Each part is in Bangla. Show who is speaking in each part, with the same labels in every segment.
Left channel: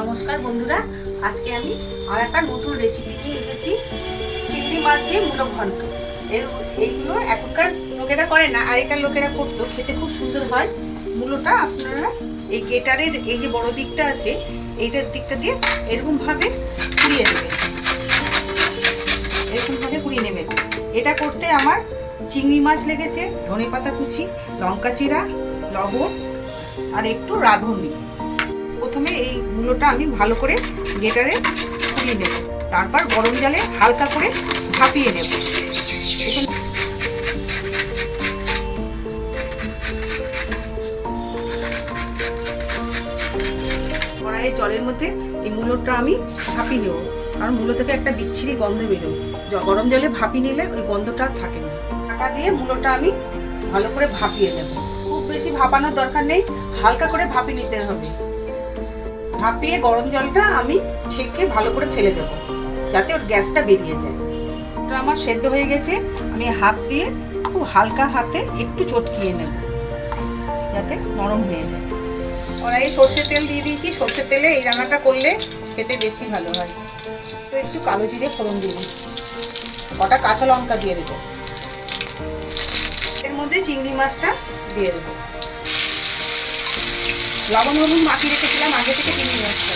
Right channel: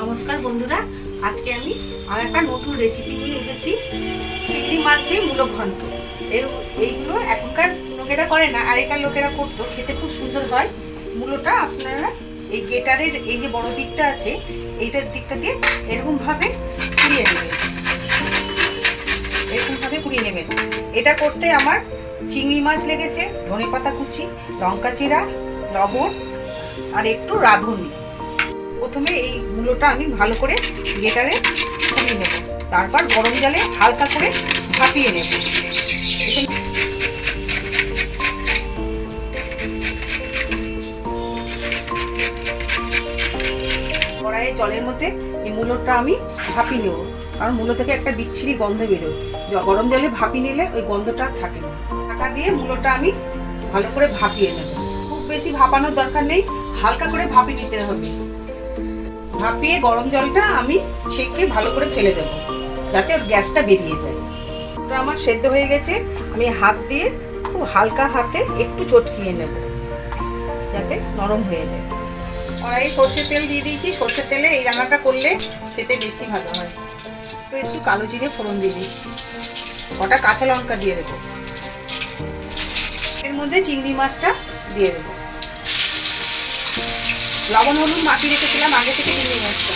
Speaker 1: নমস্কার বন্ধুরা, আজকে আমি আর একটা নতুন রেসিপি নিয়ে এসেছি। চিংড়ি মাছ দিয়ে মূলো ঘন্ট। এই এইগুলো এখনকার লোকেরা করে না, আগেকার লোকেরা করতো, খেতে খুব সুন্দর হয়। মূলোটা আপনারা এই গেটারের এই যে বড় দিকটা আছে, এইটার দিকটা দিয়ে এরকমভাবে কুড়িয়ে নেবেন। এরকমভাবে কুড়িয়ে নেবেন। এটা করতে আমার চিংড়ি মাছ লেগেছে ধনে পাতা কুচি, লঙ্কা চিরা লবণ আর একটু রাঁধুনি। প্রথমে এই মূলোটা আমি ভালো করে গেটারে কুড়িয়ে নেব। তারপর গরম জলে হালকা করে ভাপিয়ে নেব। কড়াইয়ে জলের মধ্যে এই মূলোটা আমি ভাপিয়ে নেব। কারণ মূলো থেকে একটা বিচ্ছিরি গন্ধ বেরোয়। গরম জলে ভাপিয়ে নিলে ওই গন্ধটা থাকে না। টাকা দিয়ে মূলোটা আমি ভালো করে ভাপিয়ে নেব। খুব বেশি ভাপানোর দরকার নেই। হালকা করে ভাপিয়ে নিতে হবে। ভাপিয়ে গরম জলটা আমি ছেঁকে ভালো করে ফেলে দেবো, যাতে ওর গ্যাসটা বেরিয়ে যায়। ওটা আমার সেদ্ধ হয়ে গেছে, আমি হাত দিয়ে খুব হালকা হাতে একটু চটকিয়ে নেব, যাতে নরম হয়ে যায়। কড়াই সর্ষের তেল দিয়ে দিয়েছি, সর্ষের তেলে এই রান্নাটা করলে খেতে বেশি ভালো হয়। তো একটু কালো জিরে ফোড়ন দিয়ে দিচ্ছি, কটা কাঁচা লঙ্কা দিয়ে দেবো। এর মধ্যে চিংড়ি মাছটা দিয়ে দেবো। লবণ হলুদ মাখিয়ে রেখেছিলাম, আগে থেকে চিংড়ি মাছটা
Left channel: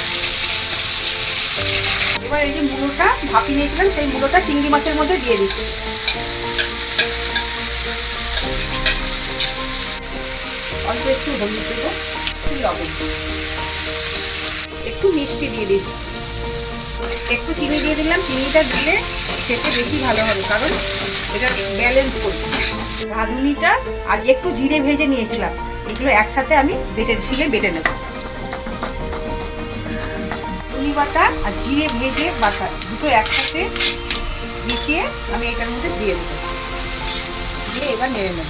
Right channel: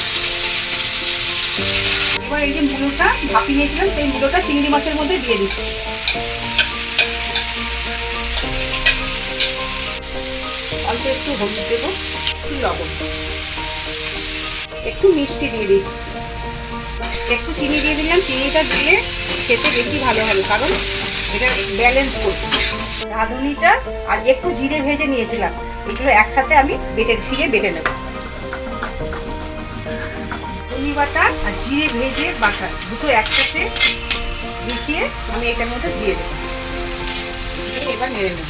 Speaker 1: এবার এই যে মুলোটা ভাপিয়ে নিয়েছিলাম সেই মুলোটা চিংড়ি মাছের মধ্যে দিয়ে দিচ্ছি। অল্প একটু হলুদ দেবো, একটু লবণ। একটু মিষ্টি দিয়ে দিচ্ছি। একটু চিনি দিয়ে দিলাম, চিনিটা দিলে খেতে বেশি ভালো হবে, কারণ এটা ব্যালেন্স করবে রাঁধুনিটা আর একটু জিরে ভেজে নিয়েছিলাম। এগুলো একসাথে আমি বেটে, শিলে বেটে নেব। চিনি বাটা আর জিরে ভেজে বাটা দুটো একসাথে মিশিয়ে আমি এটার মধ্যে দিয়ে দেবো। দিয়ে এবার নেড়ে নেব।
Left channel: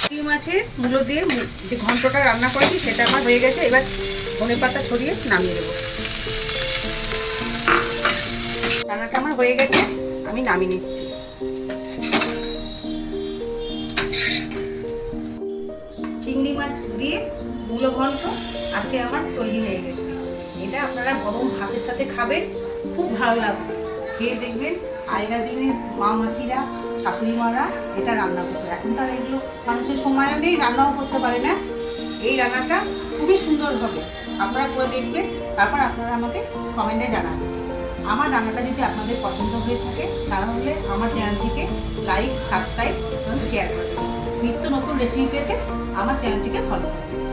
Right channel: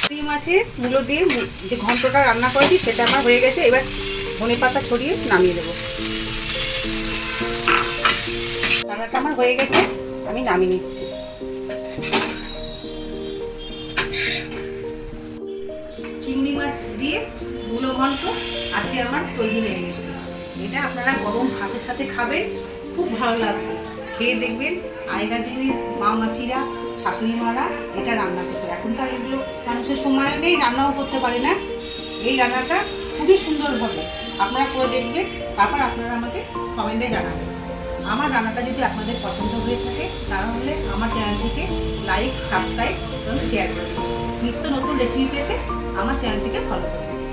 Speaker 1: চিংড়ি মাছের মূলো দিয়ে যে ঘন্টটা রান্না করেছি সেটা আমার হয়ে গেছে। এবার ধনে পাতা ছড়িয়ে নামিয়ে দেবো। রান্নাটা আমার হয়ে গেছে, আমি নামিয়ে নিচ্ছি। চিংড়ি মাছ দিয়ে মূলো ঘন্ট আজকে আমার তৈরি হয়ে গেছে। এটা আপনারা গরম ভাতের সাথে খাবেন, খুব ভালো লাগবে। খেয়ে দেখবেন আগেকার দিনে মা মাসিরা, শাশুড়ি মারা এটা রান্না করতো এখন তো আর এগুলো মানুষের সময়ও নেই, রান্নাও করতে পারে না। এই রান্নাটা খুবই সুন্দর হবে। আপনারা করে দেখবেন, তারপর আপনারা আমাকে কমেন্টে জানাবেন। আমার রান্নাটা যদি আপনাদের পছন্দ হয়ে থাকে, তাহলে আমার চ্যানেলটিকে লাইক, সাবস্ক্রাইব এবং শেয়ার করে দেবেন নিত্য নতুন রেসিপি পেতে আমার চ্যানেলটিকে ফলো করুন